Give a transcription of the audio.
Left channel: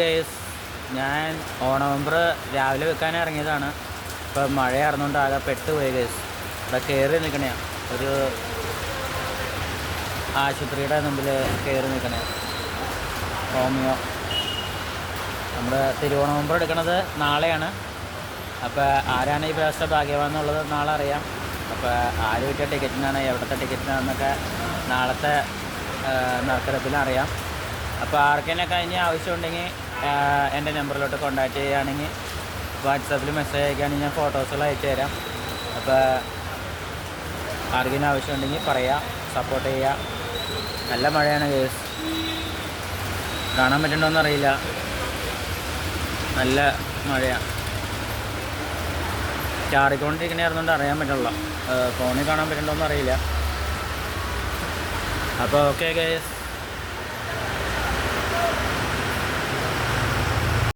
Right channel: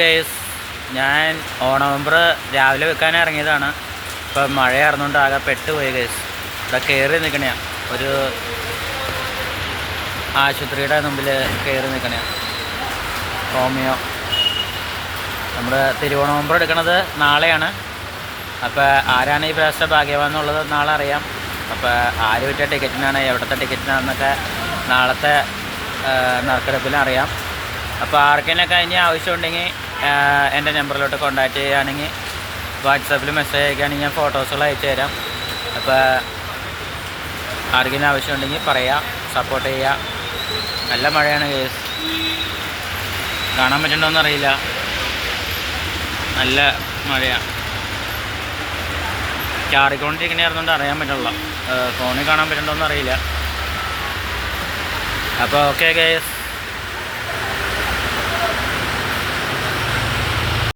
Guys, ഞാൻ ഓണംബർ രാവിലെ വെക്കാൻ ഇറങ്ങിയതാണ്. ഇപ്പം മഴയായിരുന്നുകൊണ്ട് ആകെ പെട്ടുപോയി ഗൈസ്. ഇവിടെ കയറി നിൽക്കണയാ, ഒരു ആശുപത്രിയുടെ മുമ്പിൽ കയറി നിൽക്കണയാ. ഹോമിയോ നമ്മൾ തിരുവോണംബർ എടുക്കണത് നാളെയാണ്. അപ്പോൾ ആരാണ് ഈ പ്രാവശ്യത്തെ ഭാഗ്യവാൻ എന്നുള്ളത് നാളെ അറിയാം. അപ്പോൾ ആര് വിറ്റ ടിക്കറ്റിനാണ്, എവിടുത്തെ ടിക്കറ്റിനാണെന്നൊക്കെ നാളത്തെ നറുക്കെടുപ്പിൽ അറിയാം. അപ്പോൾ ആർക്കെങ്കിലൊക്കെ അതിന് ആവശ്യമുണ്ടെങ്കിൽ എൻ്റെ നമ്പറിലോട്ട് കോൺടാക്റ്റ് ചെയ്യുകയാണെങ്കിൽ വാട്സാപ്പിൽ മെസ്സേജ് അയക്കുകയാണെങ്കിൽ ഞാൻ ഫോട്ടോസുകൾ അയച്ചു തരാം. അപ്പോൾ ആർക്കെങ്കിലും ആവശ്യമുണ്ടെങ്കിൽ പറയാം, സപ്പോർട്ട് ചെയ്യുക. നല്ല മഴയാണ് കേസ്, കാണാൻ പറ്റുന്നുണ്ടോയെന്ന് അറിയില്ല, നല്ല മഴയാണ്. ചാറിക്കൊണ്ടിരിക്കണായിരുന്നുകൊണ്ട് അറിയാൻ പറ്റുള്ളൂ, ഫോണിൽ കാണാൻ പറ്റുന്നുണ്ടോയെന്ന് അറിയില്ല. അപ്പോൾ ഓക്കെ കേസ്.